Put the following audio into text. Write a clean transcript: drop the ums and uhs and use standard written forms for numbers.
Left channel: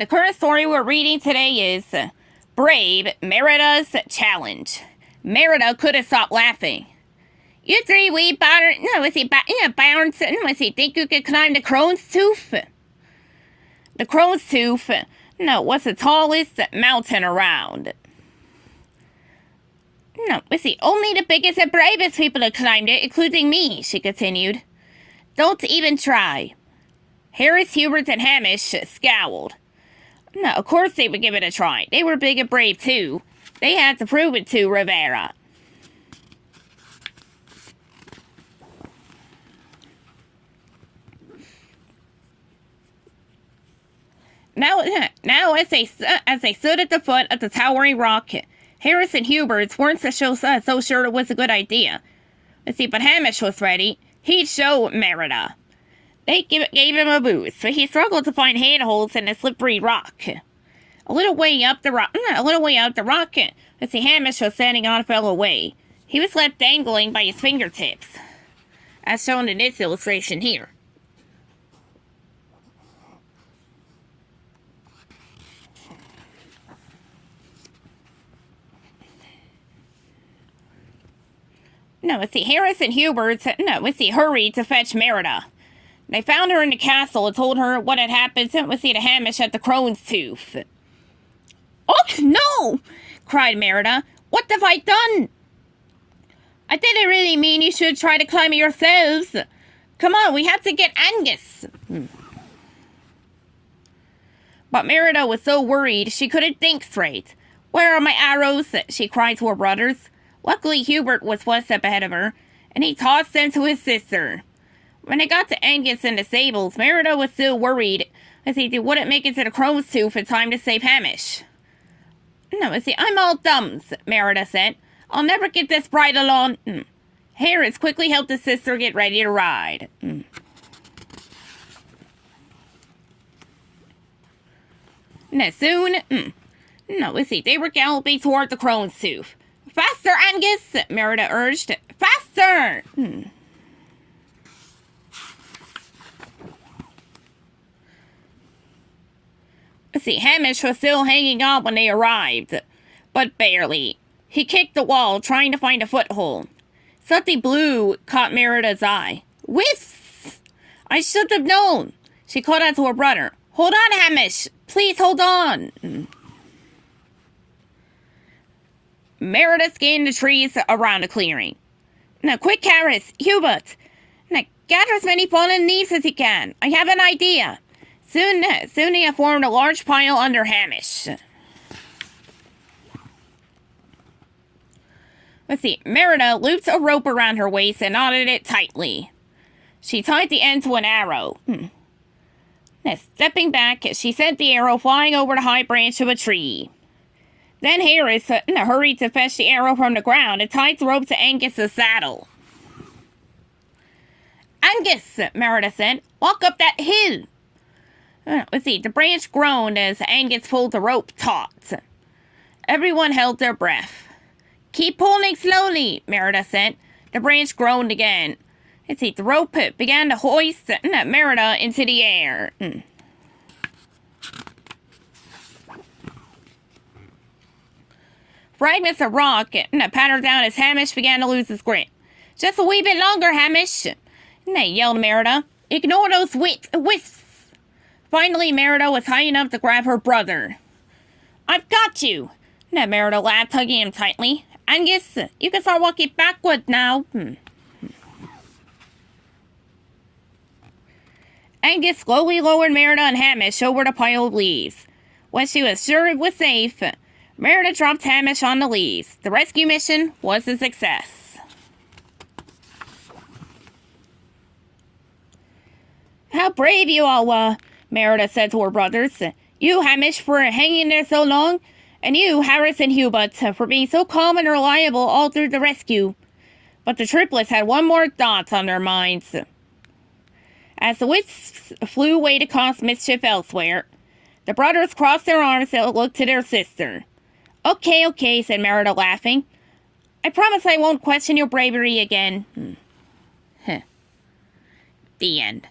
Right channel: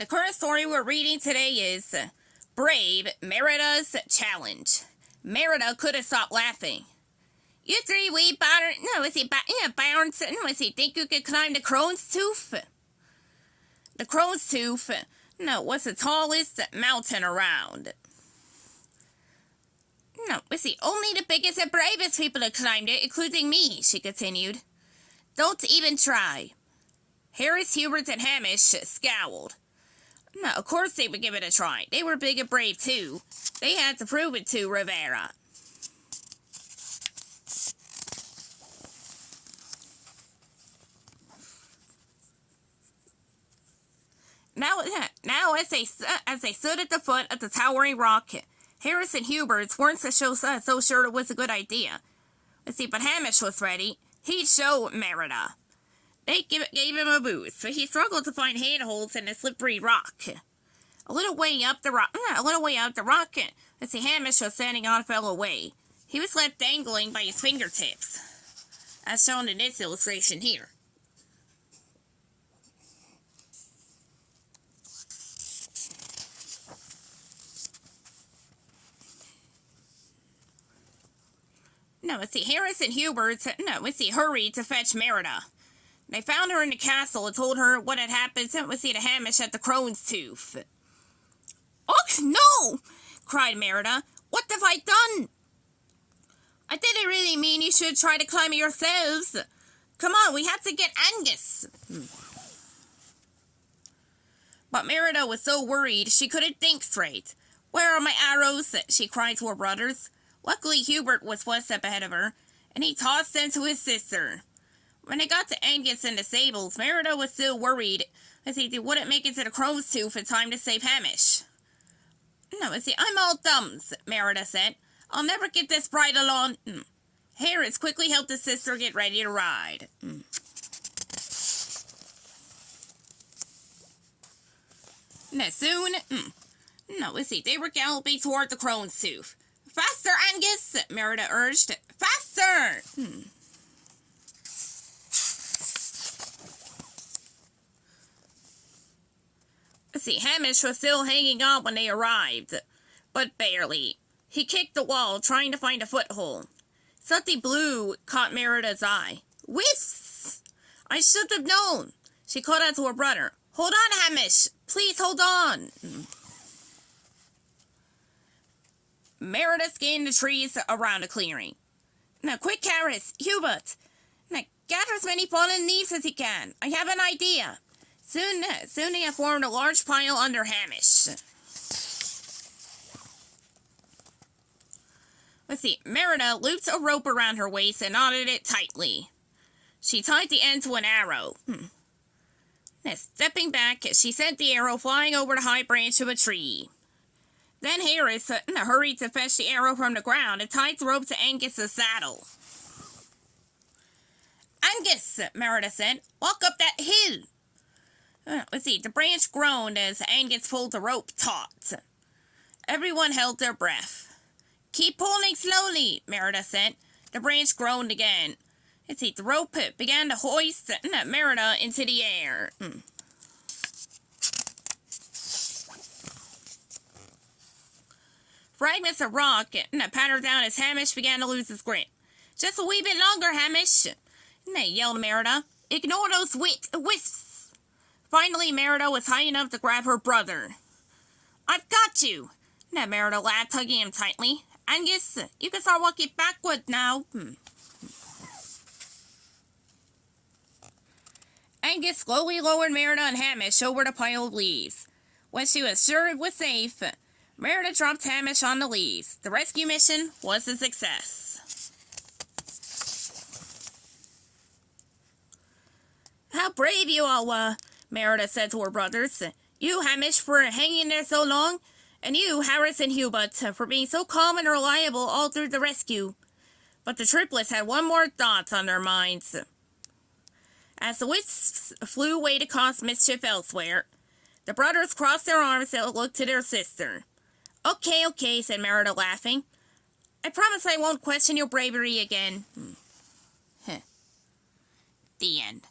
The current story we're reading today is Brave Merida's Challenge. Merida couldn't stop laughing. You three wee bounds, think you could climb the Crone's Tooth? The Crone's Tooth, was the tallest mountain around. Only the biggest and bravest people have climbed it, including me, she continued. Don't even try. Harris, Hubert, and Hamish scowled. No, of course they would give it a try. They were big and brave, too. They had to prove it to Rivera. Now, as they stood at the foot of the towering rock, Harris and Hubert weren't so sure it was a good idea. But Hamish was ready. He'd show Merida. They gave him a boost, but he struggled to find handholds in the slippery rock. A little way up the rock, Hamish was standing on fell away. He was left dangling by his fingertips, as shown in this illustration here. Harris and Hubert, hurried to fetch Merida. They found her in the castle and told her what had happened to Hamish at the Crone's Tooth. Oh, no! Cried Merida. What have I done? I didn't really mean you should try to climb it yourselves. Come on, we have to get Angus. But Merida was so worried she couldn't think straight. Where are my arrows? She cried to her brothers. Luckily, Hubert was one step ahead of her, and he tossed them to his sister. When they got to Angus and the stables, Merida was still worried as they wouldn't make it to the Crone's Tooth in time to save Hamish. I'm all thumbs, Merida said. I'll never get this bridle on. Harris quickly helped his sister get ready to ride. Soon, they were galloping toward the Crone's Tooth. Faster, Angus, Merida urged. Faster! Hamish was still hanging on when they arrived, but barely. He kicked the wall, trying to find a foothold. Something blue caught Merida's eye. Whiffs! I should have known. She called out to her brother. Hold on, Hamish! Please hold on! Merida scanned the trees around the clearing. Now, quick, Harris, Hubert. Now, gather as many fallen leaves as you can. I have an idea. Soon they have formed a large pile under Hamish. Merida looped a rope around her waist and knotted it tightly. She tied the end to an arrow. Stepping back, she sent the arrow flying over the high branch of a tree. Then Harris hurried to fetch the arrow from the ground and tied the rope to Angus's saddle. Angus, Merida said, walk up that hill. The branch groaned as Angus pulled the rope taut. Everyone held their breath. Keep pulling slowly, Merida said. The branch groaned again. The rope began to hoist Merida into the air. Fragments of rock pattered down as Hamish began to lose his grip. Just a wee bit longer, Hamish, yelled Merida. Ignore those wisps. Finally, Merida was high enough to grab her brother. I've got you, Merida laughed, hugging him tightly. Angus, you can start walking backward now. Angus slowly lowered Merida and Hamish over the pile of leaves. When she was sure it was safe, Merida dropped Hamish on the leaves. The rescue mission was a success. How brave you all were, Merida said to her brothers. You, Hamish, for hanging there so long, and you, Harris and Hubert, for being so calm and reliable all through the rescue. But the triplets had one more thought on their minds. As the wisps flew away to cause mischief elsewhere, the brothers crossed their arms and looked to their sister. Okay, said Merida, laughing. I promise I won't question your bravery again. The end.